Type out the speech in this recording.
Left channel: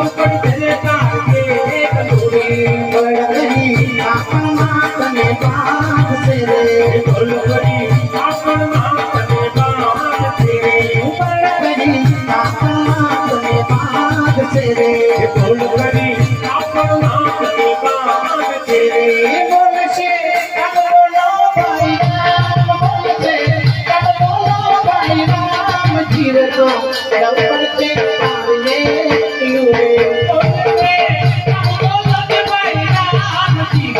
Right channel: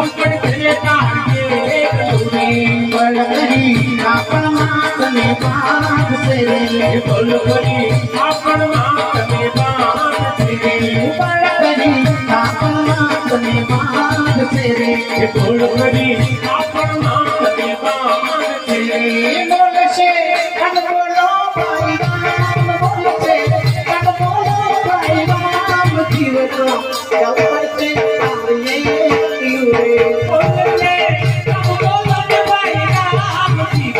अवकड करे कागे कलुरी बळकरी आपण मातने बाग से रे बळकरी आपण मातने बाग से रे बळकरी आपण मातने बाग से रे बळकरी आपण मातने बाग से रे बोलशे कब बोलो भाई राम बोलशे कब बोलो भाई राम जीव तो ऊपर से आए बोलशे कब बोलो भाई राम जीव